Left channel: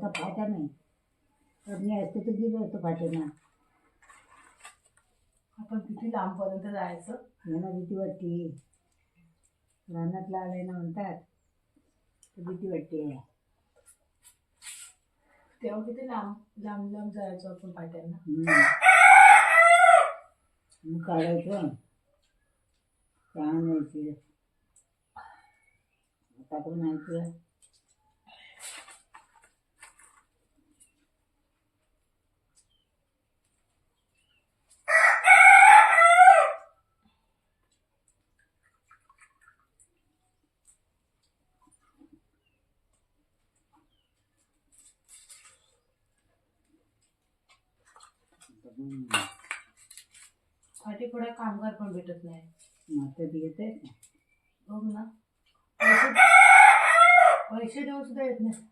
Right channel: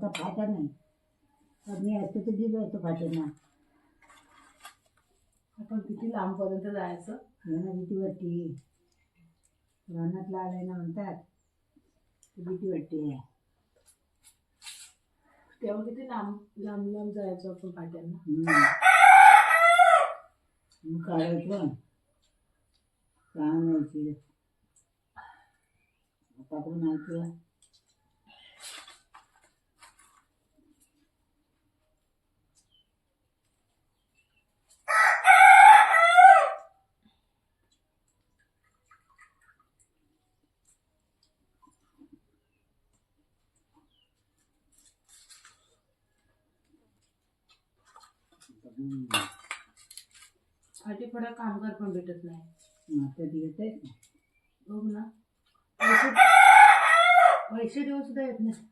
नव्हता फाटा नाही. तर मी असते तर दिलं होतं फाट्यांना. आपण किती लांबपर्यंत जायचं. यांना भीती वाटते. रानातला आलाय ना म्हणतात, तर भीती वाटते. तेव्हा किती लांब लांब लांब जायचो आपण फाट्यांना. मग काढायचं काय नाही. आता पण नाही तुला फाटी पुढे कामगार पण भेटत नाही. आता येत आहे. बघ ना, पैसे देऊन सुद्धा येत नाही.